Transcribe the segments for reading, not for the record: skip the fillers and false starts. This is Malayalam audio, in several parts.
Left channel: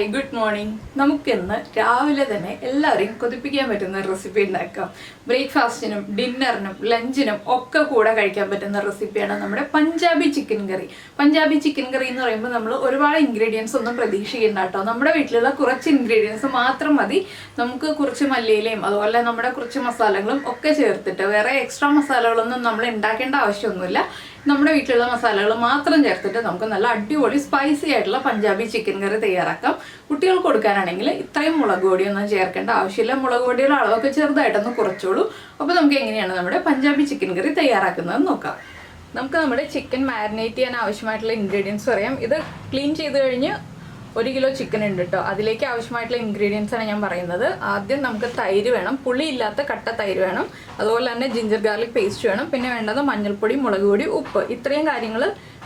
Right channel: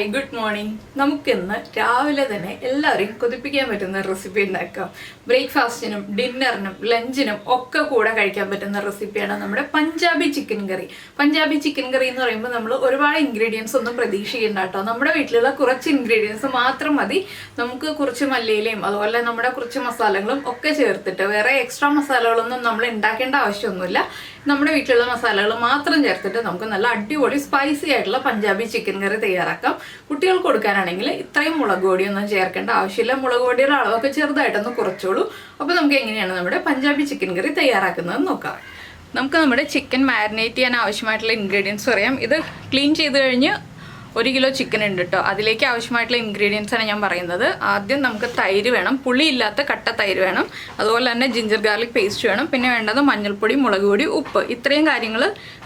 Hi good morning. നമുക്കിന്ന് രാവിലെ തന്നെ എല്ലാവരെയും കൊതിപ്പിക്കാൻ പറ്റുന്ന റെസിപ്പി ഉണ്ടാക്കാം. ബ്രേക്ക്ഫാസ്റ്റിനും ഡിന്നറിനും ലഞ്ചിനും ഒക്കെ കൂടെ കഴിക്കാൻ പറ്റുന്ന റെസിപ്പിയാണ് നമ്മുടെ പഞ്ചാബി ചിക്കൻ കറി. പഞ്ചാബി ചിക്കൻ കറി എന്ന് പറയുമ്പോൾ നമ്മൾ ഒരുപാട് ഇൻഗ്രീഡിയൻസ് ഒന്നും പ്രതീക്ഷിക്കേണ്ട കേട്ടോ. നമ്മുടെ വീട്ടിലുള്ള കുറച്ച് ഇൻഗ്രീഡിയൻസ് മാത്രം മതി. നമുക്ക് കുറച്ച് മല്ലിയിലയും അതുപോലെ നമ്മുടെ കുറച്ച് മസാലകളും ഒക്കെ ചേർത്തിട്ട് വേറെ എക്സ്ട്രാ മസാലകളൊന്നും നമ്മൾ ഉണ്ടാക്കേണ്ട ആവശ്യമൊന്നുമില്ല. നമ്മുടെ വീട്ടിലുള്ള മസാലകൾ മാത്രം ചേർത്തിട്ട് നമുക്ക് നല്ല അടിപൊളി സ്പൈസി ആയിട്ടുള്ള പഞ്ചാബി ചിക്കൻ കറി തയ്യാറാക്കാം. കുട്ടികൾക്ക് കൊടുക്കാനാണെങ്കിൽ ഇത്രയും മുളക് പൊടിയൊന്നും ചേർക്കേണ്ട ആവശ്യമില്ല. മുളക് പൊടിയുടെ അളവൊക്കെ ചെറുതായിട്ടൊന്ന് കുറച്ചോളൂ. അപ്പോൾ നമുക്ക് എങ്ങനെയാണ് നമ്മുടെ പഞ്ചാബി ചിക്കൻ കറി തയ്യാറാക്കുന്നത് നോക്കാം. നമുക്ക് നമ്മുടെ ചിക്കൻ മാരിനേറ്റ് ചെയ്യാൻ ആവശ്യമായിട്ടുള്ള ഇൻഗ്രീഡിയൻസ് പറയാം. ഇത് ക്ലീൻ ചെയ്ത് കഴിഞ്ഞ് 1 കിലോ ചിക്കൻ ഉണ്ട് കേട്ടോ. അതിലേക്ക് ആവശ്യമായിട്ടുള്ള ഇൻഗ്രീഡിയൻസ് ആണ് ഞാൻ പറയുന്നത്. ആദ്യം നമുക്ക് തൈര് വേണം, പുളിയില്ലാത്ത കട്ട തൈര് വേണം. അതുപോലെ തന്നെ ജിഞ്ചർ ഗാർലിക് പേസ്റ്റ് വേണം. പിന്നെ വേണ്ടത് മഞ്ഞൾപ്പൊടി, മുളക് പൊടി, ഉപ്പ്. ഇത്രയും കാര്യങ്ങൾ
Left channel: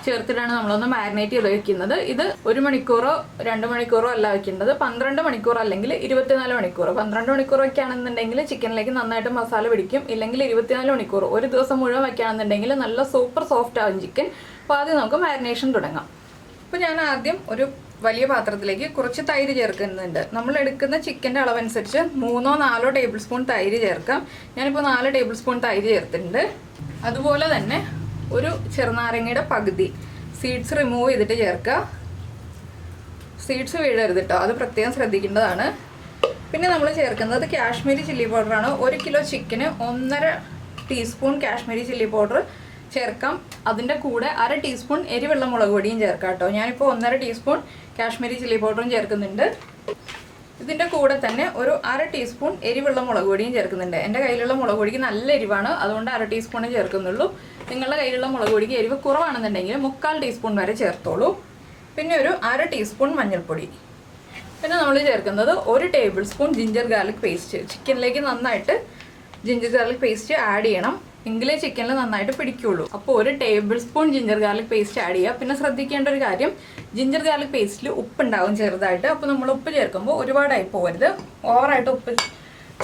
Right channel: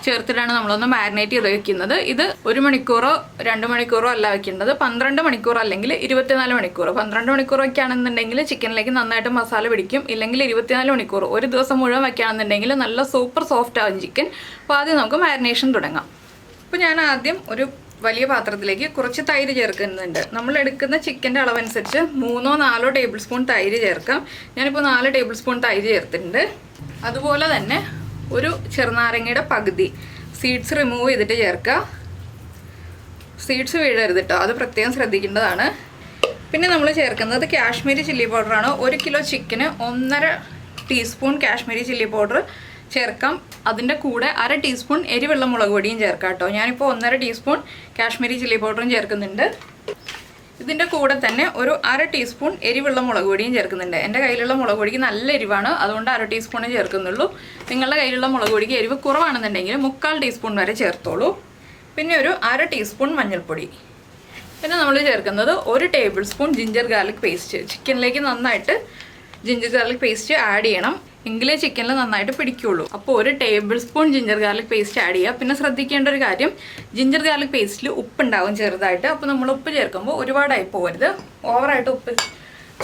ചേർത്തിട്ടാണ് നമ്മളൊന്ന് മാരിനേറ്റ് ചെയ്ത് വെക്കുന്നത്. ഇത് 1 മണിക്കൂറോ 2 മണിക്കൂറോ അല്ല വെക്കേണ്ടത്, 12 മണിക്കൂർ അല്ലെങ്കിൽ 24 മണിക്കൂർ. 12 മണിക്കൂർ വയ്ക്കുകയാണെന്നുണ്ടെങ്കിൽ ചിക്കനിലേക്ക് നന്നായിട്ട് മസാല പിടിക്കും. ഇല്ലെങ്കിൽ 24 മണിക്കൂർ, ഒരു ദിവസം മുഴുവൻ വയ്ക്കുകയാണെന്നുണ്ടെങ്കിൽ നല്ല സൂപ്പർ സോഫ്റ്റ് ആവും ചിക്കൻ. അപ്പോൾ ആദ്യം നമുക്ക് മാരിനേഷൻ തുടങ്ങാം. അപ്പോൾ ഞാൻ ആദ്യം ഒരു വലിയ പാത്രത്തിലേക്ക് കുറച്ച് തൈര് ചേർക്കുന്നുണ്ട്. നമ്മൾ എടുക്കുന്ന ചിക്കൻ്റെ അളവനുസരിച്ച് 3-4 ടേബിൾ സ്പൂൺ തൈര് ചേർക്കാം. ഞാനിപ്പോൾ 4 ടേബിൾ സ്പൂൺ തൈര് ചേർത്തിട്ടുണ്ട്. അതുപോലെ തന്നെ ഒരു ചെറുനാരങ്ങയുടെ പകുതി സീഡ്സ് റിമൂവ് ചെയ്തിട്ട് ചേർക്കുക. സീഡ്സ് വീഴരുത് കേട്ടോ, അത് പ്രത്യേകം ശ്രദ്ധിക്കേണ്ടതാണ്. പിന്നെ നമ്മൾ ചേർക്കുന്നത് കാശ്മീരി ചില്ലി പൗഡറാണ്. 1 കിലോ ചിക്കന് 1.5 ടീസ്പൂൺ കാശ്മീരി ചില്ലി പൗഡർ ചേർക്കാം. അതിൻ്റെ കൂടെ 1/2 ടീസ്പൂൺ എരിവെള്ള മുളക് പൊടിയും ചേർക്കാം കേട്ടോ. ഞാനിപ്പോൾ 1.5 ടീസ്പൂൺ കാശ്മീരി ചില്ലി പൗഡറും ചേർക്കുന്നുണ്ട്. ഇതിൻ്റെ കൂടെ തന്നെ ഒരു 1/2 ടീസ്പൂൺ എരിവെള്ള മുളക് പൊടിയും ചേർക്കുന്നുണ്ട്. എൻ്റെ കയ്യിലുള്ള മുളക് പൊടിക്ക് നല്ല എരിവാണ്, അതുകൊണ്ട് 1/2 ടീസ്പൂണേ ചേർക്കുന്നുള്ളൂ. നിങ്ങളുടെ കയ്യിലുള്ള മുളക് പൊടിക്ക് എരിവ് കുറവാണെന്നുണ്ടെങ്കിൽ 3/4 ടീസ്പൂൺ വരെ ചേർത്തോളൂ. പിന്നെ ഒരു 1/2 ടീസ്പൂൺ മഞ്ഞൾപ്പൊടി. പിന്നെ നമ്മൾ ചേർക്കുന്നത് 1 tablespoon ginger garlic paste. ചിക്കനിലേക്ക് നന്നായിട്ട് ജിഞ്ചർ ഗാർലിക് പേസ്റ്റ് ആഡ് ചെയ്യണം, എങ്കിലേ ചിക്കനിൽ നന്നായിട്ട് പിടിക്കുള്ളൂ. അപ്പോൾ 1 tablespoon ginger garlic paste add ചെയ്യുക. പിന്നെ ശ്രദ്ധിക്കേണ്ട ഒരു കാര്യം, ജിഞ്ചർ ഗാർലിക് പേസ്റ്റിൽ ഉപ്പുണ്ടാവും ചെറുതായിട്ട്. അപ്പോൾ നമ്മൾ ഉപ്പ് ചേർക്കുമ്പോൾ ഒരുപാടായി പോകരുത്. ഓവറായിട്ട് ഉപ്പ്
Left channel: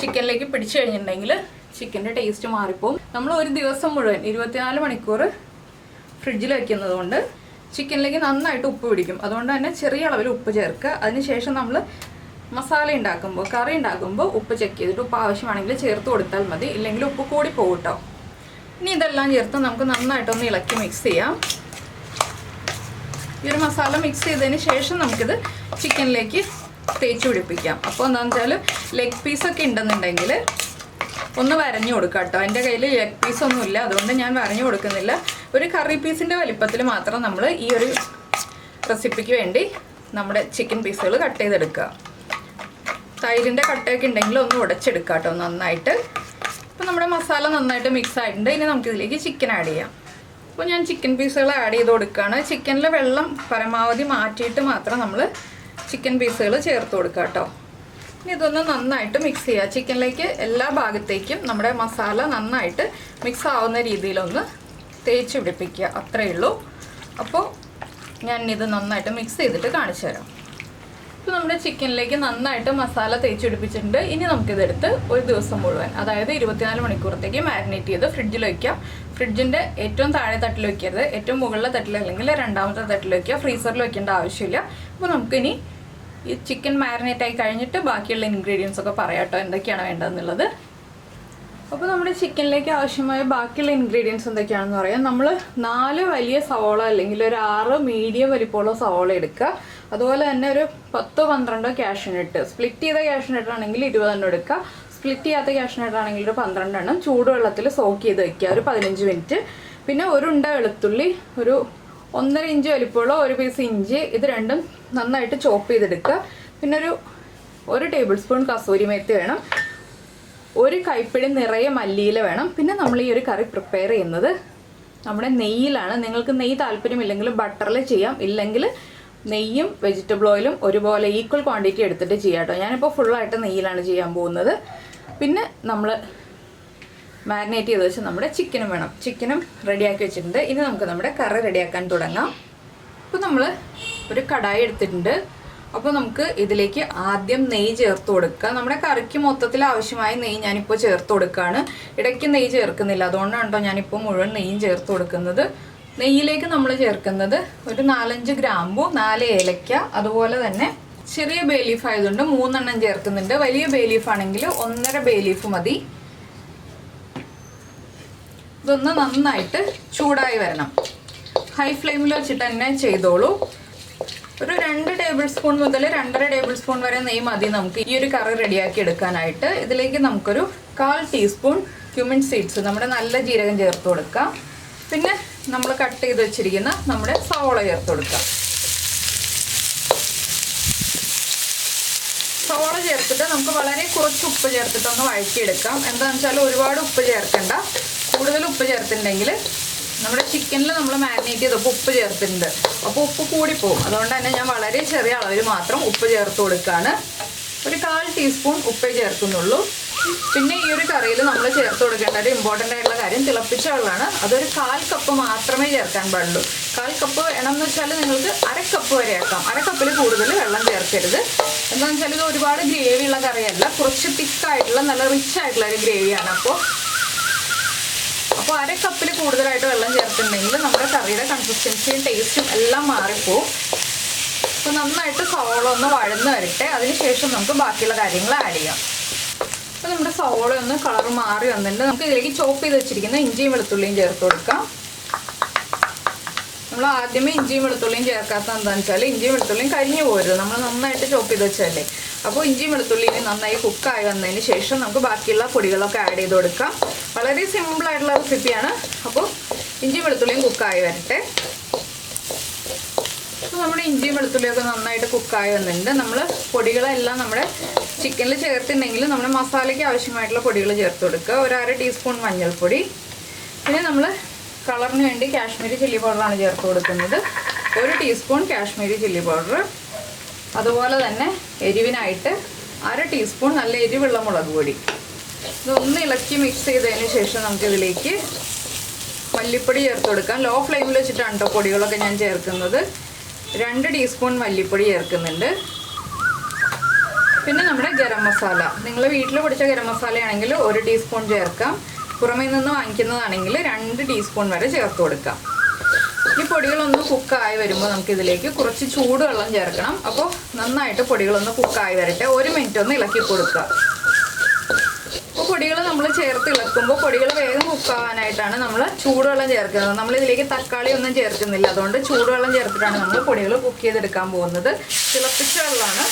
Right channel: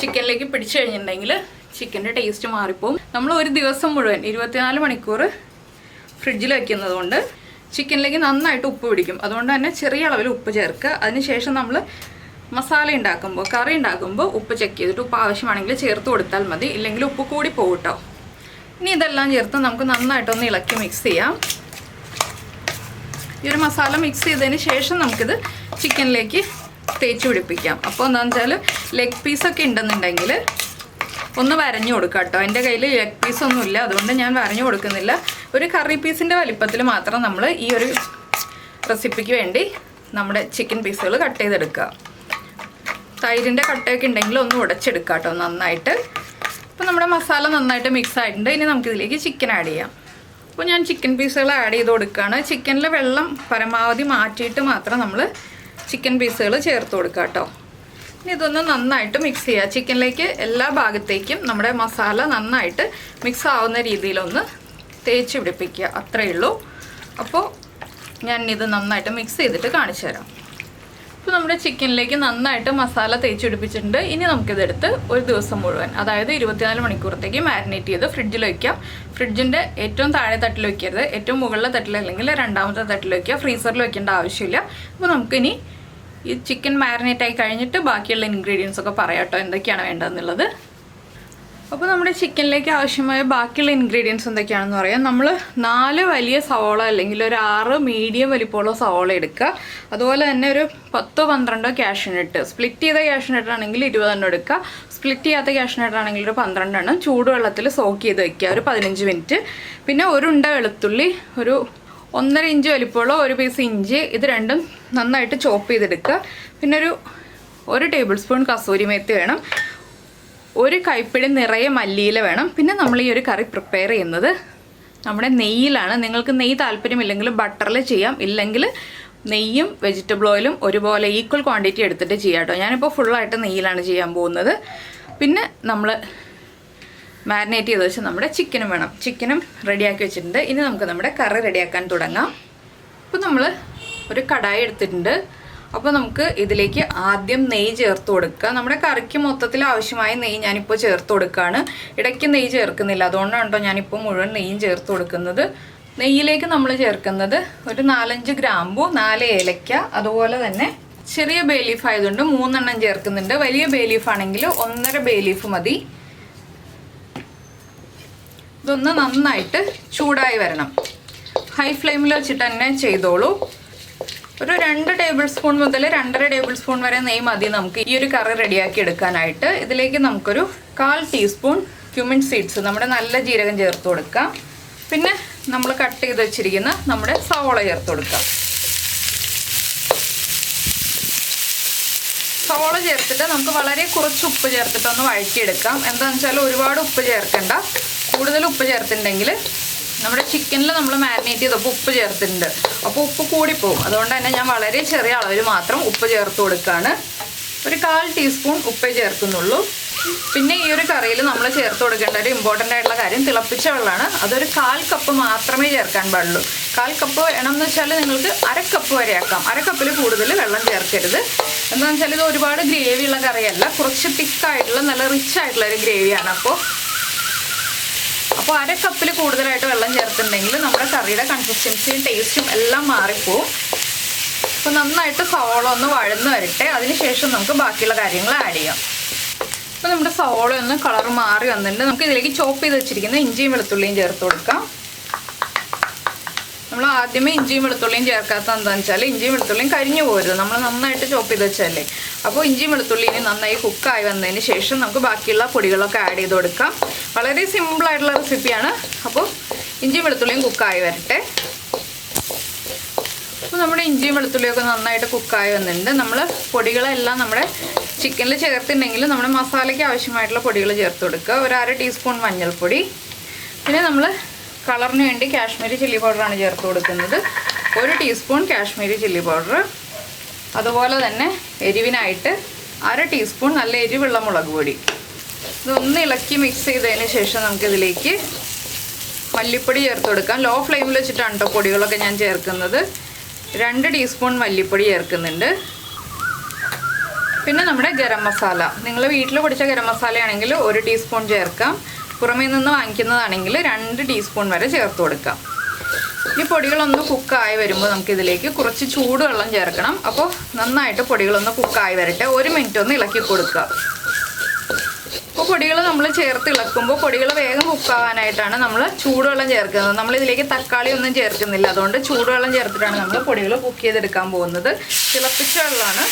ചിക്കനിലേക്ക് പിടിച്ചു കഴിഞ്ഞിട്ടുണ്ടെങ്കിൽ ചിക്കൻ്റെ ടേസ്റ്റ് മാറിപ്പോവും. നമ്മൾ ഒരു ദിവസം മുഴുവൻ 24 മണിക്കൂർ ഫ്രിഡ്ജിൽ വയ്ക്കുന്നത് കൊണ്ട് ചിക്കനിലേക്ക് നന്നായിട്ട് ഉപ്പ് പിടിക്കും. അതുകൊണ്ട് തന്നെ ചെറിയ അളവിൽ ഉപ്പ് ചേർക്കുക. അതിനുശേഷം നമ്മൾ മസാല ഉണ്ടാക്കുമ്പോൾ, കറി ഉണ്ടാക്കുമ്പോൾ ഉപ്പ് ചെക്ക് ചെയ്തിട്ട് ഉപ്പ് ആവശ്യമാണെങ്കിൽ ചേർത്ത് കൊടുത്താൽ മതി. ഇല്ലെങ്കിൽ ഉപ്പ് കൂടി പോകും കേട്ടോ. ഇനി ഇതെല്ലാം ചേർത്ത് നമുക്ക് നന്നായിട്ടൊന്ന് ഇളക്കി മിക്സ് ചെയ്യാം. ഈ ഒരു മസാല മിക്സ് ചെയ്തതിന് ശേഷം നമുക്കിത് ചിക്കനിലേക്ക് തേച്ച് പിടിപ്പിക്കാം. അപ്പോൾ എന്താണെന്ന് വെച്ചാൽ ലെഗ് പീസൊക്കെ ഉണ്ടെന്നുണ്ടെങ്കിൽ ഒന്ന് വരഞ്ഞു കൊടുക്കാം കേട്ടോ. എൻ്റെ കയ്യിൽ ലെഗ് പീസൊന്നുമില്ല, അതുകൊണ്ട് ഞാൻ വരഞ്ഞു കൊടുക്കുന്നില്ല. ഒരു കറി പീസിൻ്റെ വലിപ്പത്തിൽ മാത്രം നമ്മൾ ഈ ഒരു റെസിപ്പിക്ക് വേണ്ടി നമ്മുടെ ചിക്കൻ പീസുകൾ കട്ട് ചെയ്തെടുക്കുക. തൈരിൻ്റെ കട്ടയൊക്കെ ഉണ്ടെങ്കിൽ ഒന്ന് ഉടച്ചെടുക്കുക കേട്ടോ നന്നായിട്ട്. അപ്പോൾ നമ്മുടെ മസാല നന്നായിട്ട് മിക്സ് ആയിട്ടുണ്ട്. ഇനി നമുക്കിതിലേക്ക് ചിക്കൻ ആഡ് ചെയ്യാം. അപ്പോൾ ഞാൻ ചിക്കൻ പീസുകൾ ആഡ് ചെയ്ത് കൊടുക്കുകയാണ്. ചിക്കനിലെ വെള്ളം പരമാവധി മാറ്റിയിട്ട് മാത്രം നമ്മൾ ചിക്കൻ പീസുകൾ ചേർത്ത് കൊടുക്കുക കേട്ടോ. ഇനി ഇതൊന്ന് നന്നായിട്ട് മിക്സ് ചെയ്യുക. ചിക്കനിലേക്ക് എല്ലാ ഭാഗത്തേക്കും നമ്മുടെ മസാല നന്നായിട്ട് മിക്സ് ആവുന്ന രീതിയിലൊന്ന് തേച്ച് പിടിപ്പിക്കുക, അത്രയേ ഉള്ളൂ. അപ്പോൾ ഞാനിത് നന്നായിട്ട് മിക്സ് ചെയ്തിട്ട് കാണിച്ചു തരാം. ഇപ്പോൾ നമ്മുടെ ചിക്കനിലേക്ക് നന്നായിട്ട് മസാല തേച്ച് പിടിപ്പിച്ചിട്ടുണ്ട്. ഇനി നമുക്കിതെടുത്ത് ഒരു ദിവസം മുഴുവൻ, അതായത് 24 മണിക്കൂറത്തേക്ക് മാരിനേറ്റ് ചെയ്ത് ഫ്രിഡ്ജിൽ വയ്ക്കാം. ഫ്രിഡ്ജിൻ്റെ ഏറ്റവും താഴെ തട്ടിൽ വയ്ക്കരുത്, ഏറ്റവും മുകളിലെ തട്ടിൽ അല്ലെങ്കിൽ 2ാമത്തെ തട്ടിൽ വയ്ക്കുക. ഫ്രീസറിൽ വയ്ക്കേണ്ട ആവശ്യമില്ല. അപ്പോൾ നമുക്കിനി ഈ ചിക്കൻ മാരിനേറ്റ് ആയി കഴിഞ്ഞിട്ട് ബാക്കിയുള്ള ഇൻഗ്രീഡിയൻസ് ഒക്കെ പറയാം കേട്ടോ, എന്തൊക്കെയാണ് വേണ്ടതെന്നുള്ളത്. അപ്പോൾ നമ്മുടെ ചിക്കനിലേക്ക് ആവശ്യമായ ബാക്കിയുള്ള ഇൻഗ്രീഡിയൻസ് എന്തൊക്കെയാണെന്ന് പറയാം. നമ്മൾ 4 വലിയ സവോള അല്ലെങ്കിൽ ഒരു 6 മീഡിയം വലിപ്പമുള്ള സവോള എടുക്കുക. അതുപോലെ തന്നെ ഒരു 10-12 കാഷ്യൂനട്ട്. സ്പ്ലിറ്റ് ചെയ്ത കാഷ്യൂനട്ട് ആണെങ്കിൽ 20 എടുക്കുക. സ്പ്ലിറ്റ് ചെയ്യാത്ത കാഷ്യൂനട്ട് ആണെങ്കിൽ ഒരു 12 ചൂടുവെള്ളത്തിൽ സോക്ക് ചെയ്ത് വയ്ക്കുക ഒരു 15 മിനിറ്റ്. പിന്നെ ഒരു ഉണ്ട വെളുത്തുള്ളി, ഒരു 1.5 ഇഞ്ച് വലിപ്പമുള്ള ഒരു പീസ് ഇഞ്ചി, ഇത് രണ്ടും നന്നായിട്ട് ചോപ്പ് ചെയ്തെടുക്കുക. പിന്നെ ഒരു ടേബിൾ സ്പൂൺ കസൂരി മേത്തി വേണം. ഒരു കൈപ്പിടി നിറയെ മല്ലിയില വേണം. പിന്നെ നമ്മൾ ഈ ഒരു കറി പ്രിപ്പയർ ചെയ്യുന്നത് നമ്മുടെ നെയ്യിലാണ്. നിങ്ങൾക്ക് നെയ്യ് താല്പര്യമില്ലെങ്കിൽ ബട്ടറിൽ ചെയ്യാം, ഇല്ലെങ്കിൽ നെയ്യും വെജിറ്റബിൾ ഓയിലും ഒരുപോലെ ഈക്വൽ ക്വാണ്ടിറ്റി എടുത്തിട്ട് ചെയ്യാം കേട്ടോ. ഞാനിപ്പോൾ ഫുള്ളായിട്ട് നെയ്യിലാണ് ചെയ്യാൻ പോകുന്നത്. പിന്നെ നമ്മൾ മാരിനേറ്റ് ചെയ്ത് വെച്ച് നമ്മുടെ ചിക്കനും വേണം. ചിക്കനും റെഡിയാക്കി വെച്ചിട്ടുണ്ട്. ഇനി നമുക്ക് നമ്മുടെ കറി റെഡിയാക്കാൻ തുടങ്ങാം. അപ്പോൾ നമ്മൾ ഒരു കടായി എടുത്തിട്ടുണ്ട്. അപ്പോൾ നമുക്ക് ഇതിലേക്ക് ആദ്യം നെയ്യ് ചേർത്ത് കൊടുക്കുക. നമ്മുടെ കറിക്ക് മൊത്തത്തിൽ ആവശ്യമായ നെയ്യ് ഞാനിപ്പോൾ ചേർത്ത് കൊടുക്കുകയാണ്. ഇടയ്ക്ക് നെയ്യ് ചേർക്കുന്നില്ല, അതുകൊണ്ടാണ് കേട്ടോ ഞാനിപ്പോൾ മുഴുവൻ നെയ്യും ചേർത്ത് കൊടുക്കുന്നത്. നെയ്യിലേക്ക് നമ്മൾ ചേർക്കുന്നത് ഒരു 4-5 ഗ്രാമ്പു, 4 ഏലക്ക, അതുപോലെ തന്നെ ചെറിയ ബേ ലീഫ് ആയതുകൊണ്ട് 3 എണ്ണം ചേർക്കുന്നുണ്ട്. വലിയ ബേ ലീഫ് ആണെങ്കിൽ 1.5 ബേ ലീഫ് മതി. ഇതൊന്ന് നന്നായിട്ട് ചൂടായി വരണം. ഹൈ ഫ്ലെയിമിൽ വെച്ചിട്ട് തന്നെ ചെയ്തോളൂ. ഒരു 2 ടേബിൾ സ്പൂൺ മുതൽ 2.5 ടേബിൾ സ്പൂൺ വരെ നെയ്യ് മതി നമുക്ക് ഈ ഒരു കറി റെഡിയാക്കി എടുക്കാനായിട്ട്. ഇതിലേക്ക് നമുക്കൊരു 1/4 ടീസ്പൂൺ ക്യുമിൻ സീഡ്സ്, നമ്മുടെ നല്ല ജീരകം ചേർത്ത് കൊടുക്കാം. പിന്നെ നമ്മൾ കട്ട് ചെയ്ത് വെച്ചിരിക്കുന്ന നമ്മുടെ സവോള ചേർത്ത് കൊടുക്കാം. സവോള ചേർത്തിട്ട് നമുക്ക് വളരെ കുറച്ച് ഉപ്പ് ചേർത്തിട്ട് ഒന്ന് വഴറ്റിയെടുക്കാം. എന്താണെന്ന് വെച്ചാൽ ഒരുപാട് ഉപ്പ് ചേർക്കണ്ട. കൂടുതൽ ഉപ്പ് ചേർത്തിട്ടുണ്ടെങ്കിൽ നമ്മുടെ ചിക്കനിൽ നമ്മൾ മാരിനേറ്റ് ചെയ്തപ്പോൾ ഉപ്പ് ചേർത്തിട്ടുണ്ട്, അപ്പോൾ ഉപ്പ് കൂടിപ്പോവും. അതുകൊണ്ട് തന്നെ ഞാൻ വളരെ ചെറിയ അളവിൽ മാത്രം ഉപ്പ് ചേർത്ത് കൊടുക്കുകയാണ്. ഒരു 1/4 ടീസ്പൂൺ ഉപ്പേ ചേർക്കുന്നുള്ളൂ. പിന്നെ ഈ ഒരു കറിയിൽ നമ്മൾ ചേർത്ത് കൊടുക്കേണ്ട ഒരു ഇമ്പോർട്ടൻ്റ് ആയിട്ടുള്ള കാര്യം തിളപ്പിച്ച വെള്ളമാണ്. അതൊരു 1/4 കപ്പ് മാത്രമേ ചേർക്കാൻ പാടുള്ളൂ. 1/4 കപ്പ് വേണമെന്ന് വെച്ചാൽ നിങ്ങൾക്ക് 1/2 കപ്പ് വരെ ആക്കാം. 1/2 കപ്പിൽ കൂടുതൽ വെള്ളം ചേർക്കരുത്. എന്താണെന്ന് വെച്ചാൽ ഇത് ഒരുപാട് ഗ്രേവി ഉള്ള കറിയല്ല, കുറച്ച് തിക്കായിട്ടുള്ള നല്ല റിച്ച് ആയിട്ടുള്ള ഒരു ഗ്രേവിയാണ്. അപ്പോൾ 1/2 കപ്പിൽ കൂടുതലായിട്ട് വെള്ളം ചേർത്തിട്ടുണ്ടെങ്കിൽ നമ്മുടെ കറിയുടെ കൺസിസ്റ്റൻസിയും ടേസ്റ്റും എല്ലാം മാറിപ്പോവും. അപ്പോൾ നന്നായിട്ട് സവോള ഒന്ന് വഴന്ന് വരട്ടെ. അതിനുശേഷം നമുക്ക് ബാക്കിയുള്ള കാര്യങ്ങൾ ആഡ് ചെയ്യാം. അപ്പോൾ നമ്മുടെ സവോള ഒന്ന് കളർ മാറി വന്നിട്ടുണ്ട്. നമുക്ക് ഇതിലേക്ക് ചോപ്പ് ചെയ്ത് വെച്ചിരിക്കുന്ന ഇഞ്ചിയും വെളുത്തുള്ളിയും ചേർത്ത് കൊടുക്കാം. നമ്മൾ ആദ്യമേ ഇഞ്ചിയും വെളുത്തുള്ളിയും ചേർക്കാത്ത എന്താണെന്ന് വെച്ചാൽ ഇഞ്ചിയും വെളുത്തുള്ളിയും കരിഞ്ഞു പോരുത്, നമ്മൾ നന്നായിട്ട് ചോപ്പ് ചെയ്ത് വെച്ചല്ലേ. അപ്പോൾ ഇഞ്ചിയും വെളുത്തുള്ളിയും നന്നായി കുക്കായി വന്നതിന് ശേഷം നമുക്ക് ബാക്കിയുള്ള പൊടികളൊക്കെ ആഡ് ചെയ്ത് കൊടുക്കാം. വളരെ സിമ്പിളായിട്ടുള്ള റെസിപ്പിയാണ്. അപ്പോൾ ഇഞ്ചിയും വെളുത്തുള്ളിയും കുക്കായി വരട്ടെ. അപ്പോൾ നമ്മുടെ ഇഞ്ചിയും വെളുത്തുള്ളിയൊക്കെ നന്നായിട്ട് കുക്കായി വന്നിട്ടുണ്ട്. നമ്മൾ പൊടികളെല്ലാം നമ്മുടെ ചിക്കനിൽ ചേർത്തിട്ടുണ്ടെങ്കിൽ നമ്മുടെ മസാലയ്ക്ക് ആവശ്യമായിട്ടുള്ള പൊടികൾ ചേർത്ത് കൊടുക്കുക. ഒരു 1/2 ടീസ്പൂൺ മഞ്ഞൾപ്പൊടി, പിന്നെ നമ്മൾ കളറിന് വേണ്ടി കാശ്മീരി ചില്ലി പൗഡറാണ് ചേർത്ത് കൊടുക്കുന്നത്. 1 ടീസ്പൂൺ കാശ്മീരി ചില്ലി പൗഡർ. അതുപോലെ തന്നെ എരിവിനായിട്ട് 1/2 ടീസ്പൂൺ നല്ല എരിവുള്ള മുളക് പൊടി. ഇതൊന്ന് ഇളക്കി മിക്സ് ചെയ്തതിന് ശേഷം നമുക്കിതിലേക്ക് മല്ലിപ്പൊടി ചേർത്ത് കൊടുക്കാം. ലോ ഫ്ലെയിമിൽ വെച്ചിട്ടാണ് കേട്ടോ പൊടികളൊക്കെ ഞാൻ ചേർക്കുന്നത്. 2 ടീസ്പൂൺ മല്ലിപ്പൊടി ചേർക്കുന്നുണ്ട്. പിന്നെ നമ്മുടെ ഗരം മസാല, നിങ്ങൾ വീട്ടിൽ പൊടിച്ച ഗരം മസാലയാണെങ്കിൽ 1 ടീസ്പൂൺ ചേർക്കാം. പുറമേ നിന്ന് വാങ്ങിക്കുന്നതാണെങ്കിൽ 2 ടീസ്പൂൺ വരെ ചേർത്ത് കൊടുക്കാം. ഈ പൊടികളൊന്ന് കുക്കായി വരുമ്പോൾ നമുക്കിതിലേക്ക് കുറച്ച് ചൂടുവെള്ളം ചേർക്കണം. അപ്പോൾ നന്നായിട്ട് പൊടികളൊന്ന് കുക്കായി വരട്ടെ. 1 മിനിറ്റ് ഒന്ന് ഇളക്കി കൊടുക്കുക. അപ്പോൾ പൊടികൾ നമ്മൾ ചേർത്ത് ഇളക്കുമ്പോൾ പൊടികൾ വേഗം കുക്കാവാനായിട്ടാണ് നമ്മൾ ചൂടുവെള്ളം ചേർക്കുന്നത്. നമ്മളിതിലേക്ക് തക്കാളി ഒന്നും ചേർക്കുന്നില്ല, അതുകൊണ്ട് ചൂടുവെള്ളം ചേർത്തിട്ടാണ് നമ്മൾ പൊടികൾ കുക്ക് ചെയ്തെടുക്കാൻ പോകുന്നത്. തിളപ്പിച്ച വെള്ളമാണ്.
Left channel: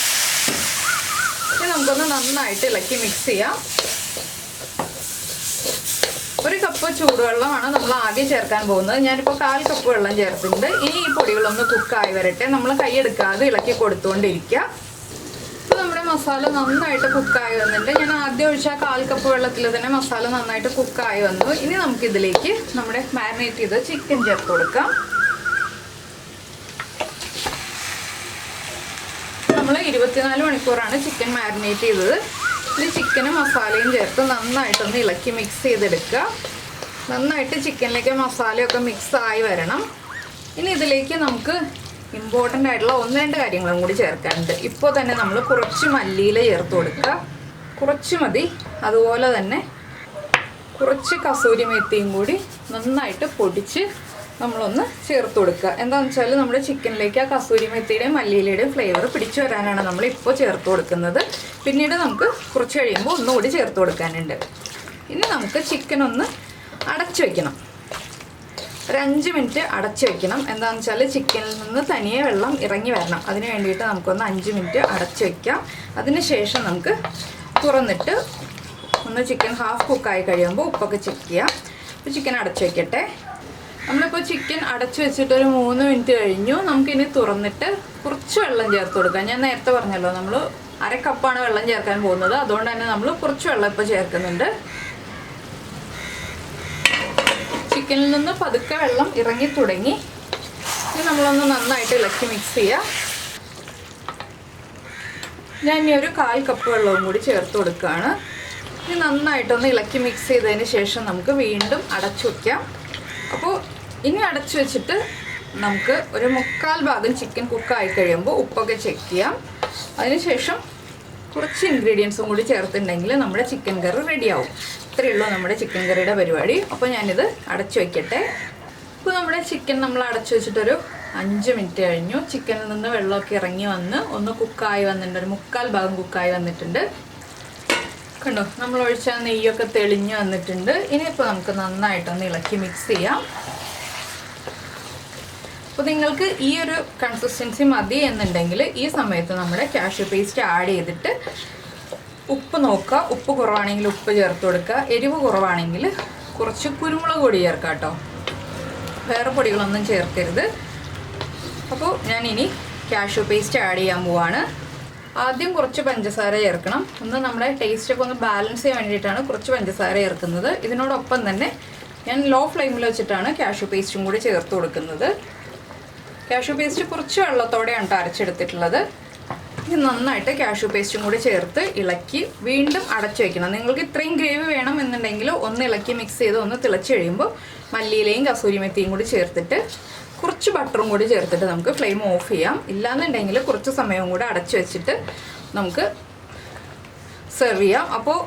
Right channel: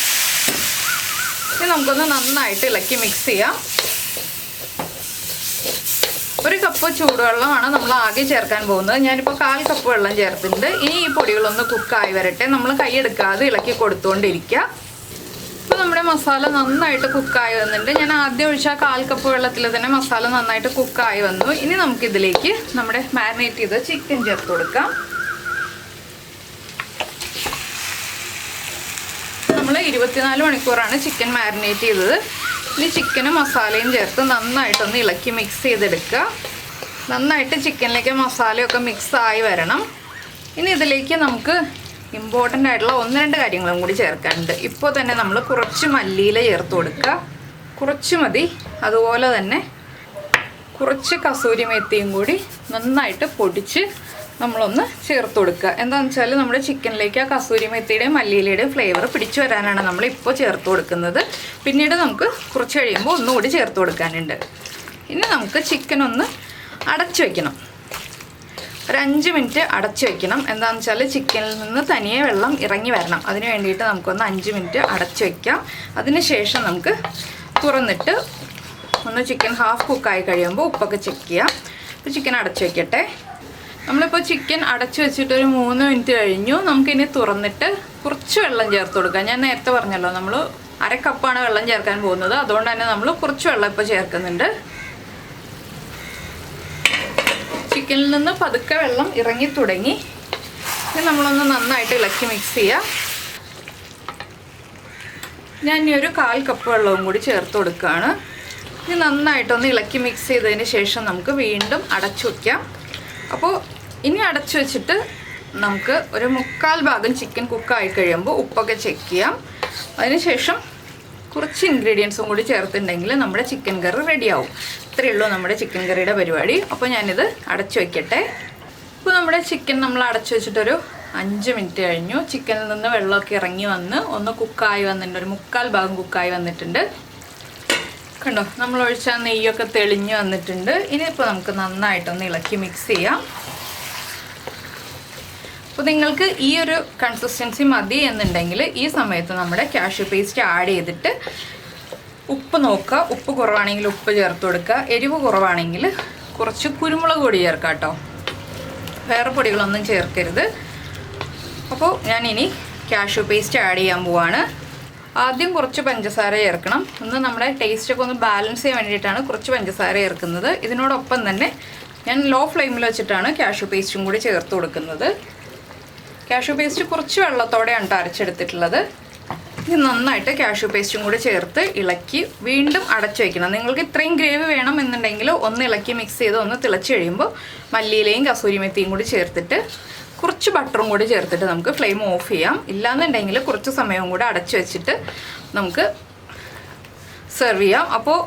ഇനി നമുക്കൊന്ന് നന്നായിട്ട് ഇളക്കി മിക്സ് ചെയ്യാം. 1 കപ്പ് ചൂടുവെള്ളമാണ് നമ്മൾ ആദ്യം ചേർക്കാൻ പോകുന്നത്. ഞാനിപ്പോൾ 1/4 കപ്പ് വെള്ളം ചേർത്തിട്ടുണ്ട്. ഇനി ഈ പൊടികളൊന്ന് കുക്കായി വരട്ടെ. നമ്മൾ കൈയെടുക്കാതെ ഇളക്കി കൊടുത്തുകൊണ്ടിരിക്കുക. ഇപ്പോൾ നമ്മുടെ മസാല നന്നായിട്ട് കുക്കായി വന്നിട്ടുണ്ട്. ഞാൻ ആദ്യം ഒഴിച്ച 1/4 കപ്പ് വെള്ളത്തിൽ തന്നെ മസാല നന്നായിട്ട് കുക്കായി വന്നു. ഇനി നമുക്കിതിലേക്ക് നമ്മുടെ മാരിനേറ്റ് ചെയ്ത ചിക്കൻ ചേർത്ത് കൊടുക്കാം. നമ്മൾ 24 മണിക്കൂറാണ് ചിക്കൻ മാരിനേറ്റ് ചെയ്തത്. ഈ ചിക്കനും മസാലയും ചേർത്ത് നന്നായിട്ടൊന്ന് ഇളക്കി മിക്സ് ചെയ്തെടുക്കുക. നന്നായിട്ട് ചിക്കനിലേക്ക് മസാലയൊക്കെ മിക്സായി വരണം. ഇനി ഇതിലേക്ക് നമുക്ക് ഇമ്പോർട്ടൻ്റ് ആയിട്ടുള്ള 1-2 കാര്യങ്ങളും കൂടി ചേർക്കാനുണ്ട്. ഇപ്പോൾ തന്നെ നമ്മൾ കുറച്ച് മല്ലിയില ചേർത്ത് കൊടുക്കുക, കുറച്ച് മതി. അതുപോലെ തന്നെ കുറച്ച് കസൂരി മേത്തിയും കൂടി നന്നായിട്ട് പൊടിച്ച് നമ്മളൊന്ന് ചേർത്ത് കൊടുക്കുക. എന്താണെന്ന് വെച്ചാൽ നമ്മുടെ ചിക്കനിലേക്ക് ആ കസൂരി മെത്തിയുടെയും മല്ലിയിലയുടെയും ഫ്ലേവർ പിടിച്ചു വരാനാണ് നമ്മൾ ഇപ്പോൾ ചേർത്ത് കൊടുക്കുന്നത്. പിന്നീട് നമുക്ക് കുറച്ച് കഴിയുമ്പോൾ ഒന്നുകൂടി ചേർത്ത് കൊടുക്കാനുണ്ട്. ഇനി നമുക്ക് ചിക്കൻ ഒന്ന് അടച്ചു വയ്ക്കണം. ഒരു 5 മിനിറ്റ് അടച്ചു വയ്ക്കണം. എന്താണെന്ന് വെച്ചാൽ ചിക്കനിൽ നിന്ന് തനിയെ വെള്ളം ഇറങ്ങി വരണം. അതിന് വേണ്ടിയിട്ട് നമുക്കൊന്ന് 5 മിനിറ്റ് അടച്ചു വയ്ക്കാം. അതിന് ശേഷം നമുക്ക് തുറന്നിട്ട് ഒന്ന് ചിക്കൻ ഹാഫ് കുക്കായി കഴിയുമ്പോൾ ഉപ്പൊക്കെ ചെക്ക് ചെയ്യാം. അപ്പോൾ ചിക്കൻ അടച്ചു വയ്ക്കട്ടെ. നമ്മളിപ്പോൾ ചിക്കൻ അടച്ചു വെച്ചിട്ടൊരു 3 മിനിറ്റ് കഴിഞ്ഞു. നമുക്കിനി തുറന്നിട്ട് കുറച്ച് വെള്ളം ചേർത്ത് കൊടുക്കാം. ഞാൻ നേരത്തെ പറഞ്ഞല്ലോ നമ്മൾ 1/2 കപ്പാണ് വെള്ളം ചേർക്കാൻ പോകുന്നത്. അതുകൊണ്ട് തന്നെ നമ്മൾ കുറച്ച് വെള്ളം ഇപ്പോൾ ചേർക്കുന്നുണ്ട്. ചിക്കനിൽ നിന്ന് പതുക്കെ വെള്ളം ഇറങ്ങി തുടങ്ങി. നമ്മളൊന്ന് നന്നായിട്ട് ഇളക്കി മിക്സ് ചെയ്യാം. ഞാൻ ഇനി ഒരു 1/4 കപ്പ് വെള്ളവും കൂടി ചേർത്ത് കൊടുക്കുകയാണ്. ഇനി നന്നായിട്ടൊന്ന് ഇളക്കി മിക്സ് ചെയ്തതിന് ശേഷം നമുക്ക് വീണ്ടും അടച്ചു വയ്ക്കാം. അപ്പോൾ ഇനി അടച്ചു വെച്ചിട്ട് നമുക്ക് ഒരു 3/4 ഭാഗം ചിക്കൻ കുക്കായി കഴിയുമ്പോൾ ഉപ്പൊക്കെ ചെക്ക് ചെയ്യാം. അതിനുശേഷം കുറച്ച് ഇൻഗ്രീഡിയൻസും കൂടി ചേർത്തിട്ടുണ്ടെങ്കിൽ നമ്മുടെ ചിക്കൻ കറി റെഡിയാവും. ഇത്രയേ ഉള്ളൂ നമ്മുടെ ചിക്കൻ കറിയുടെ പരിപാടി. അപ്പോൾ ഞാനിത് അടച്ചു വയ്ക്കട്ടെ. ഇപ്പോൾ നമ്മുടെ ചിക്കൻ നമ്മൾ അടച്ചു വെച്ചിട്ടൊരു 5 മിനിറ്റ് കഴിഞ്ഞു. ചിക്കനിൽ നിന്ന് വെള്ളമൊക്കെ ഇറങ്ങി വന്ന് ഒന്ന് കുക്കായി വന്നിട്ടുണ്ട്. ഒരു 3/4 ഭാഗം കുക്കായി വന്നിട്ടുണ്ട്. കണ്ടോ, നമ്മൾ ഒഴിച്ച നെയ്യൊക്കെ തെളിഞ്ഞ് വന്നിട്ടുണ്ട്. ഇനിയിപ്പോൾ നമുക്ക് നന്നായിട്ടൊന്ന് ഇളക്കി മിക്സ് ചെയ്യാം. അപ്പോൾ നിങ്ങൾക്ക് ഈ ഒരു കൺസിസ്റ്റൻസി മതി എന്നുണ്ടെങ്കിൽ ഈ സമയത്ത് നമ്മുടെ കാഷ്യൂ പേസ്റ്റ് ആഡ് ചെയ്തിട്ട് ഉപ്പ് നോക്കുക. ഉപ്പ് കുറവാണെങ്കിൽ ഉപ്പ് ചേർത്ത് കൊടുക്കുക. എരിവ് കുറവാണെങ്കിൽ കുറച്ച് കുരുമുളക് പൊടി ചേർക്കാം കേട്ടോ. വേറെ പൊടികളൊന്നും ചേർക്കരുത്. അപ്പോൾ ഞാനിനി കാഷ്യൂ പേസ്റ്റ് ആഡ് ചെയ്യാൻ പോവാണ്. ആദ്യം കുറച്ച് പഞ്ചസാര ചേർക്കണം. ഒന്ന് നമ്മുടെ ടേസ്റ്റൊക്കെ ഒന്ന് ബാലൻസ് ചെയ്യാൻ വേണ്ടിയിട്ടാണ് കുറച്ച് പഞ്ചസാര ചേർക്കുന്നത്. ഇതിനോടൊപ്പം തന്നെ ഞാൻ ലോ ഫ്ലെയിമിൽ വെച്ചിട്ടാണ് കാഷ്യൂ പേസ്റ്റും കൂടി ചേർത്ത് കൊടുക്കുന്നത്. കാഷ്യൂ പേസ്റ്റ് കുറച്ച് വെള്ളത്തോടെയാണ് അരച്ചെടുത്തിട്ടുള്ളത്. ഇനി നന്നായിട്ട് കാഷ്യൂ പേസ്റ്റും കൂടി ചേർത്ത് ഇളക്കി വീണ്ടും അടച്ചു വയ്ക്കണം. നിങ്ങൾക്ക് ഇത്രയും ഗ്രേവി വേണം എന്നുണ്ടെങ്കിൽ ഒന്ന് ഇളക്കി മിക്സ് ചെയ്ത് ഒന്ന് തിളച്ച് കഴിയുമ്പോൾ മല്ലിയിലയും കസൂരി മെത്തിയും കൂടി ചേർത്തിട്ട് കുറച്ച് ബട്ടറും കൂടി ചേർത്തിട്ട് നമുക്ക് ഫ്ലെയിം ഓഫ് ചെയ്യാം. ഇല്ലാന്നുണ്ടെങ്കിൽ കുറച്ച് സമയവും കൂടെ അടച്ചു വെച്ചിട്ട് നമുക്ക് സെർവ് ചെയ്യാം. അപ്പോൾ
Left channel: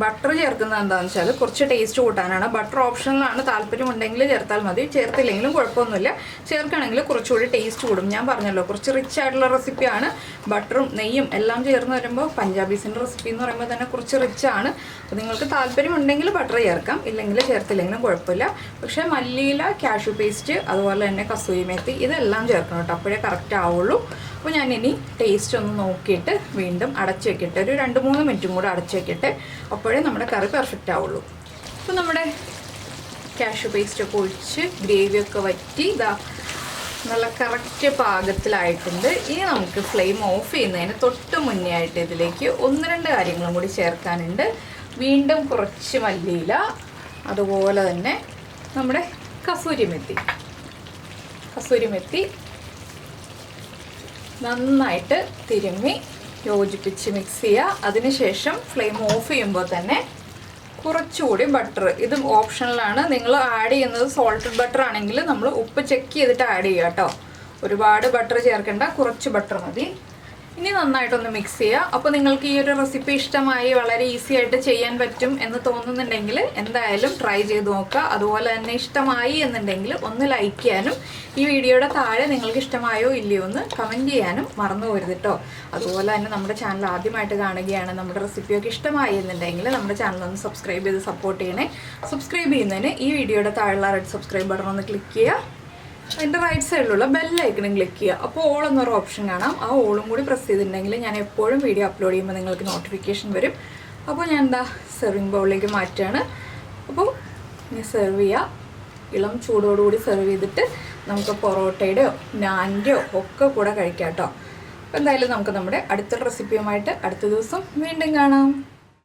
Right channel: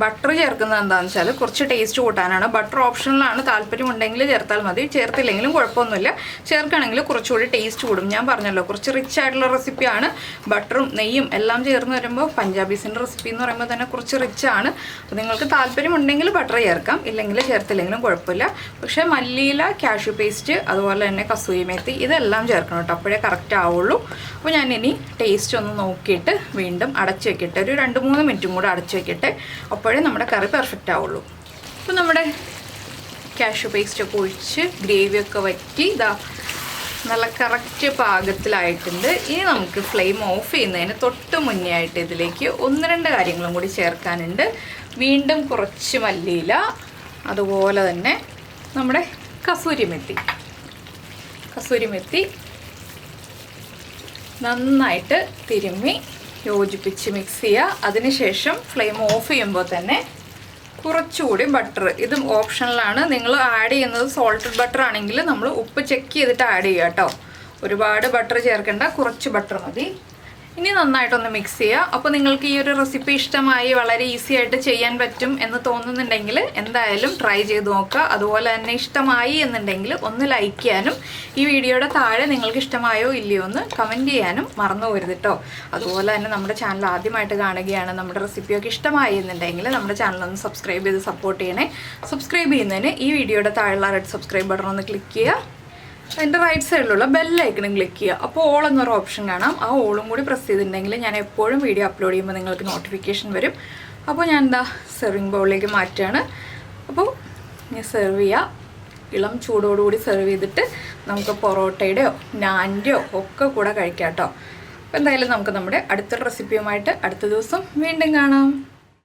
ബട്ടർ ചേർക്കുന്നത് എന്താണെന്ന് വെച്ചാൽ കുറച്ച് ടേസ്റ്റ് കൂട്ടാനാണ്. ബട്ടർ ഓപ്ഷനിലാണ്, താല്പര്യമുണ്ടെങ്കിൽ ചേർത്താൽ മതി, ചേർത്തില്ലെങ്കിലും കുഴപ്പമൊന്നുമില്ല. ചേർക്കുകയാണെങ്കിൽ കുറച്ചുകൂടി ടേസ്റ്റ് കൂടും. ഞാൻ പറഞ്ഞല്ലോ കുറച്ച് റിച്ച് ആയിട്ടുള്ള റെസിപ്പിയാണ്. ബട്ടറും നെയ്യും എല്ലാം ചേർന്ന് വരുമ്പോൾ പഞ്ചാബീസിൻ്റെ റെസിപ്പി എന്ന് പറയുമ്പോൾ തന്നെ കുറച്ച് റിച്ചാണ്. അപ്പോൾ നിങ്ങൾക്ക് താല്പര്യമുണ്ടെങ്കിൽ ബട്ടർ ചേർക്കാം, ഇല്ലെങ്കിൽ ചേർത്തില്ലെങ്കിലും കുഴപ്പമില്ല. പക്ഷേ മല്ലിയില, കാഷ്യൂ പേസ്റ്റ്, അതുപോലെ തന്നെ കസൂരി മേത്തി ഇതെല്ലാം ചേർക്കണം കേട്ടോ, അപ്പോഴേ കറക്റ്റ് ആവുള്ളൂ. അപ്പോൾ ഞാനിനി ടേസ്റ്റ് ഒന്ന് നോക്കിയിട്ട് വീണ്ടും അടച്ചു വെക്കട്ടെ. ഒരു 2-3 മിനിറ്റും കൂടെ അടച്ചു വെക്കട്ടെ, അപ്പോഴേ നമ്മുടെ കറി പെർഫെക്റ്റ് ആവുള്ളൂ. അപ്പോൾ നമ്മുടെ കാഷ്യൂ പേസ്റ്റൊക്കെ ഒഴിച്ച് ഗ്രേവിയൊക്കെ വറ്റി ഇതാ നല്ല കറക്റ്റ് പാകത്തിലായിട്ടുണ്ട്. ഇനി നമുക്ക് ഫ്ലെയിം ഓഫ് ചെയ്യുന്നതിന് തൊട്ട് മുന്നേ ആയിട്ട് ഇതിലേക്ക് 1-2 കാര്യങ്ങളും കൂടി ചേർക്കാനുണ്ട്. വീണ്ടും കുറച്ച് മല്ലിയില, അതുപോലെ തന്നെ നമ്മുടെ കസൂരി മെത്തി നന്നായിട്ട് തിരുമ്മി യോജിപ്പിച്ച് മിക്സ് ചെയ്യുക. അതിനുശേഷം ഫ്ലെയിം ഓഫ് ചെയ്യുമ്പോൾ തന്നെ കുറച്ചുകൂടി ബട്ടർ, ഇത് ഓപ്ഷണലാണ്. നിങ്ങൾ ആഡ് ചെയ്യുന്നത് സോൾട്ടഡ് ബട്ടർ ആണെങ്കിൽ നമ്മൾ ഉപ്പ് ചെക്ക് ചെയ്തിട്ട് ആഡ് ചെയ്യുക കേട്ടോ. ഒരുപാട് ബട്ടർ ചേർക്കേണ്ട, കുറച്ച് ബട്ടർ മതി. ഇനി നന്നായിട്ടൊന്ന് മിക്സ് ചെയ്യുക. അപ്പോൾ നിങ്ങൾക്ക് ഈ ഒരു റെസിപ്പി ഇഷ്ടമായി, വളരെ ഈസി ആയിട്ട് ചെയ്യാൻ പറ്റും എന്ന് തോന്നുന്നുണ്ടെങ്കിൽ എന്തായാലും ട്രൈ ചെയ്ത് നോക്കുക. അതുപോലെ തന്നെ ഇഷ്ടമായി എന്നുണ്ടെങ്കിൽ ഒന്ന് ലൈക്ക് ചെയ്യാനും ഈ വീഡിയോയുടെ താഴെ നിങ്ങൾക്ക് ഇഷ്ടമായോ ഇല്ലയോ എന്ന് കമൻറ്റ് ചെയ്യാനും മറന്നു പോകരുത് കേട്ടോ. അതുപോലെ തന്നെ നമ്മുടെ ചാനൽ ആദ്യമായിട്ട് കാണുകയാണ്, നമ്മുടെ റെസിപ്പിയൊക്കെ ഇഷ്ടമായി എന്നുണ്ടെങ്കിൽ നമ്മുടെ ചാനൽ ഒന്ന് സബ്സ്ക്രൈബ് ചെയ്ത് സപ്പോർട്ട് ചെയ്യണേ. സബ്സ്ക്രൈബ് ചെയ്യുന്നതിന് ഈ വീഡിയോയുടെ താഴെയുള്ള റെഡ് സബ്സ്ക്രൈബ് ബട്ടൺ ഒന്ന് ക്ലിക്ക് ചെയ്യുക. അതിൻ്റെ റൈറ്റ് സൈഡിലുള്ള ബെല്ലൈക്കണും ക്ലിക്ക് ചെയ്യുക. അപ്പോൾ ഓൾ എന്നൊരു ഓപ്ഷൻ കാണാം. ആ ഓളും കൂടി പ്രസ് ചെയ്തിട്ടുണ്ടെങ്കിൽ ഞാൻ എപ്പോഴും വീഡിയോ അപ്ലോഡ് ചെയ്യുമ്പോൾ നിങ്ങൾക്ക് നോട്ടിഫിക്കേഷൻ വരും. അപ്പോൾ ഞാൻ എന്താ സെർവിങ് ബൗളിലേക്ക് മാറ്റുകയാണ്. അപ്പോൾ ഇനി സെർവ് ചെയ്യുക. ഇളം ചൂടോടുകൂടി സെർവ് ചെയ്തിട്ട് നമുക്ക് പൊറോട്ടയുടെയോ നാൻ്റെയോ ഒക്കെ കൂടെ കഴിക്കാം കേട്ടോ. അപ്പോൾ എന്തായാലും നമുക്ക് നമ്മുടെ അടുത്ത റെസിപ്പിയുമായിട്ട് അടുത്ത ദിവസം വീണ്ടും കാണാം.